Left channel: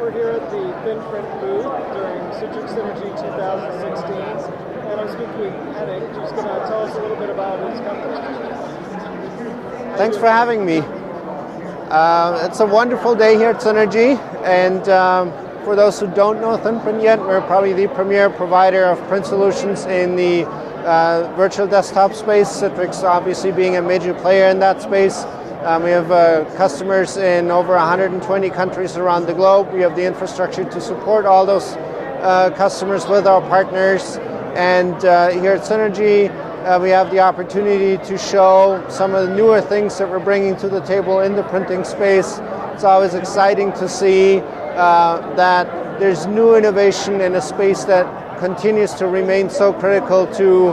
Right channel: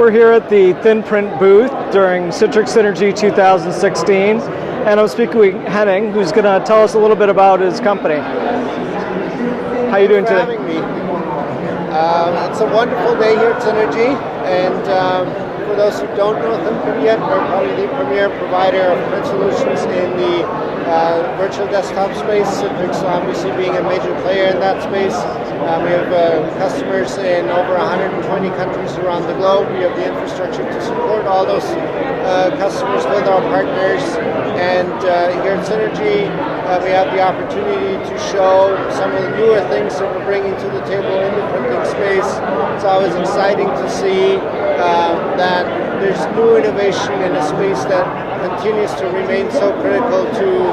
We're here at the ThinPrint booth during Citrix Synergy 2016, and I'm speaking with Henning, who's going to tell us a little bit about his company. How are you doing today? Thanks for having me. It's a wonderful day here at Synergy, and for those who don't know ThinPrint yet, we're probably the premier provider of print solutions in the virtual desktop space, Citrix obviously being a major player in that space. We have customers in over 120 countries around the globe. We have the infrastructure to support all those customers with our partners. And here at Synergy, we have the opportunity to show some of the newer things that we're bringing to the table in the printing space. It's always exciting to see that there's new innovation in a space that continues to remain so critical to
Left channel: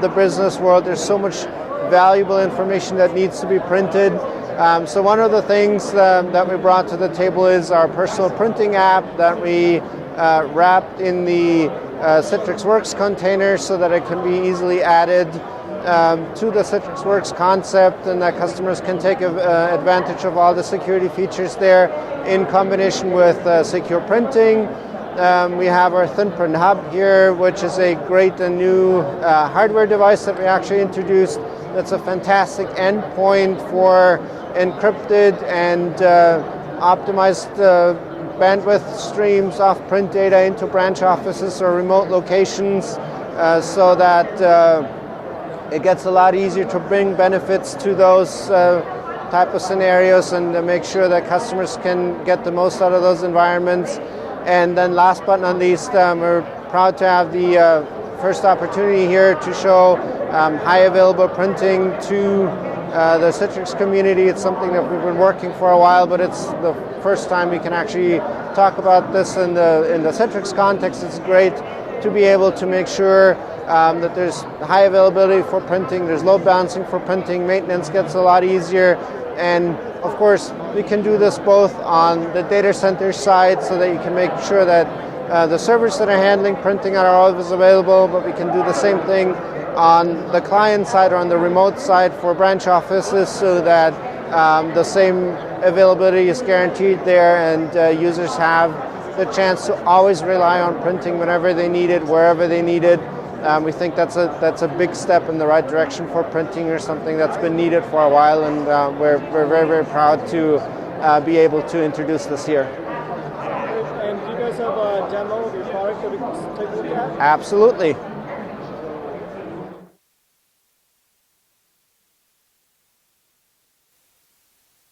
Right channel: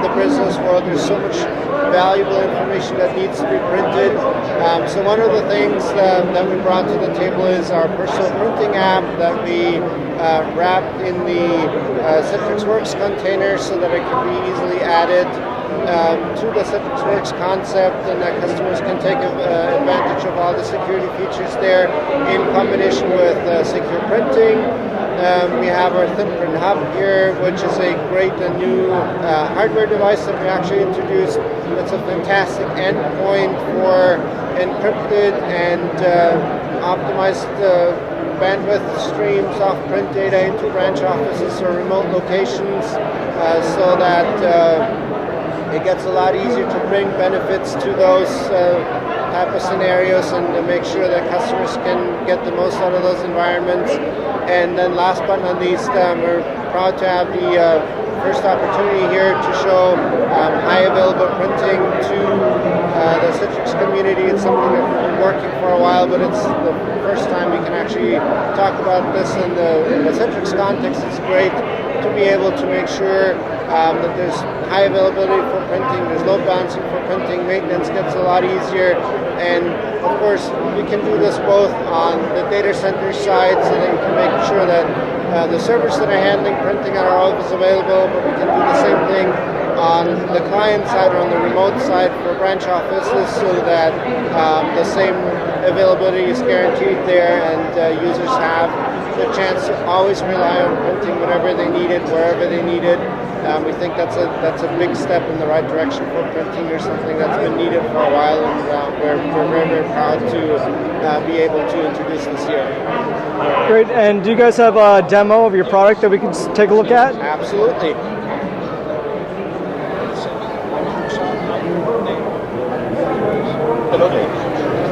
the business world. There's so much valuable information that needs to be printed. So one of the things that we brought to the table is our personal printing app that we wrapped in the Citrix Works container so that it can be easily added to the Citrix Works concept, and that customers can take advantage of all the security features there in combination with secure printing. We have our ThinPrint Hub here, which is a great and new hardware device that we actually introduced. It's a fantastic endpoint for encrypted and optimized bandwidth streams of print data into branch offices or remote locations so that it gets a lot easier to bring benefits to those type of scenarios and make sure that customers can get the most out of those environments. And then last but not least, we're proud to have the first opportunity here to show high available printing to the Citrix community. It's something that we've been working for a while, but it's the first time we can actually talk about this in the Citrix context. It's great to be able to make sure that there's high availability for printing, there's load balancing for printing, maintenance gets a lot easier, and of course we can do this both on the data center side so that you can make sure that the servers that are handling printing are always available, but we can do the same thing on the client side or on the remote side for branch offices so that the same availability is guaranteed there, and users have the chance to always rely on printing whenever they need it, wherever they need it. We think that's a big step in the right direction for printing. There's something that's been needed for a while, and we're very, very proud to be able to introduce this year. Great, and do you guys have a demo of your product that we can take a look at? Absolutely. Hello.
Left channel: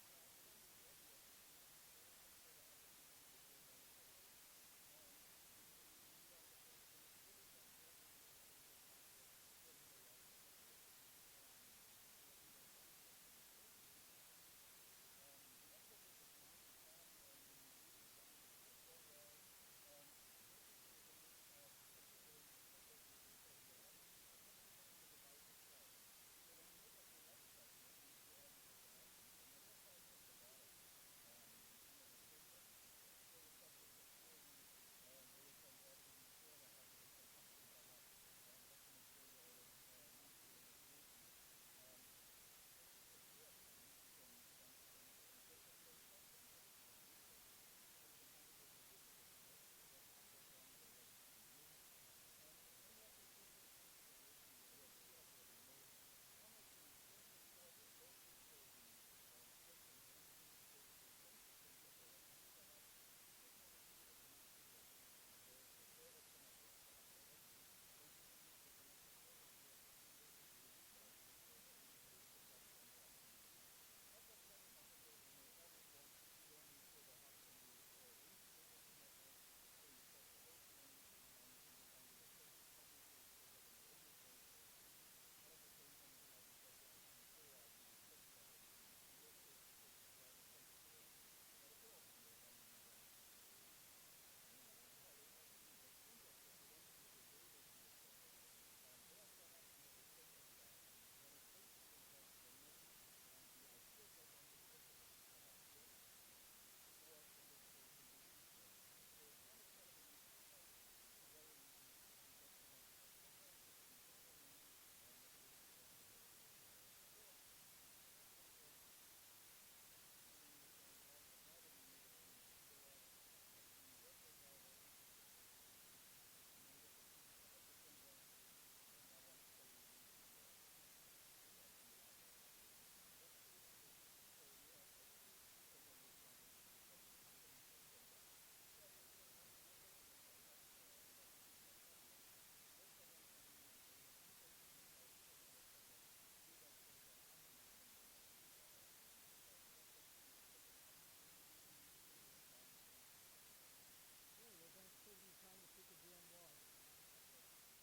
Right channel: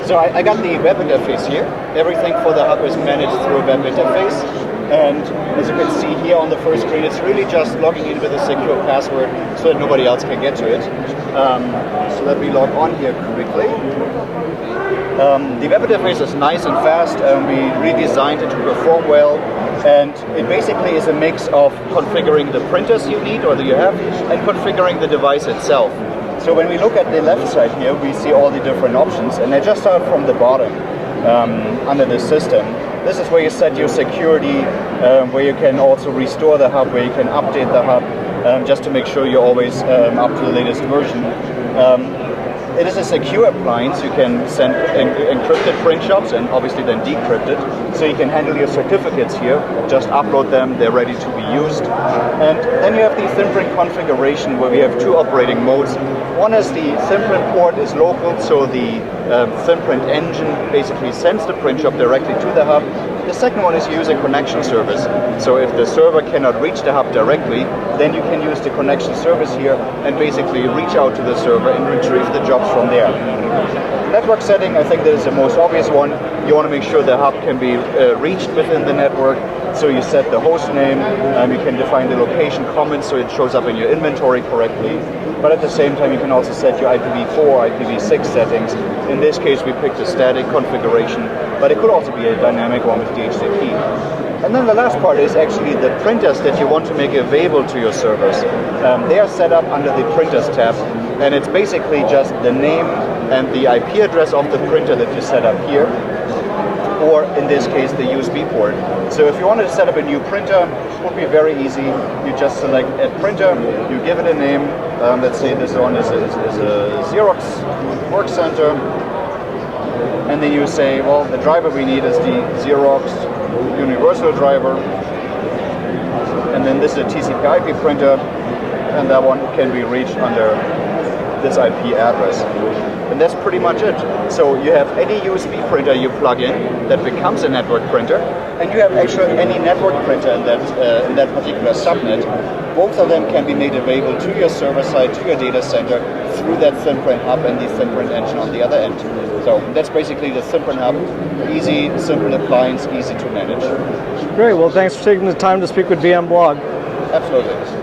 So I got the web interface here. Everything for the hub is managed through a web interface. And as you can see here on the first screen, it's really just logging in with a secure password so that nobody else can get to it. So let me log on here quickly. The web interface is nice and fast. We redesigned it to perform well. And it basically is a mix of configuring the printers you need or that you have and configuring the device itself. So when we look at the left side here, we see all the different options. And I just start from the bottom under the system. This is where you set your security, where you can also restore the hub, where you can update the hub, just to make sure you're always up to the latest version. It is a secure appliance. You can send encrypted print shops and obviously then decrypt it. So you can handle your certificates here, just upload them, they're ready to be used. And then you have the ThinPrint configuration where we have two operating modes. One is the ThinPrint port is local, so the ThinPrint engine basically sends the print shop directly to the hub. The second one is use a connection service. So if the server cannot reach the hub directly, then you can use the connection service here and basically reach out to the server and retrieve the jobs from there. Network setting, I think that is the most obvious one. You want to make sure the hub can be reached within the network. So you set the host name, you can define the location comments so it shows up in your inventory correctly. But at the same time, you can also set your IPv4, IPv6 settings. In this case, we picked a static configuration, but it could also be a dynamic one with DHCP. And then the last part is actually the printers that you want to make available to your servers. They are set up under the printers tab, and it's basically just the name and the IP address of the printer that you set up here, or in this case, the USB port. So if you wanted to set up a new printer, it would be very easy. You just select Add Printer, you give it a name. Let's say this one is a Xerox Work Center. and then you say, well, the driver we need is the Xerox universal driver, and then this is a TCP/IP printer, and that one can be reached under this IP address. And that's pretty much it. So you have any USB printer you plug in that becomes a network printer, and you have actually any network printer in that particular subnet. Both of them can be made available to your server side, to your data center, through that ThinPrint hub and the ThinPrint engine on the other end. So that's basically the ThinPrint hub. Easy, simple appliance, easy to manage. Great. Well, thanks for taking the time to speak with VMblog. Absolutely.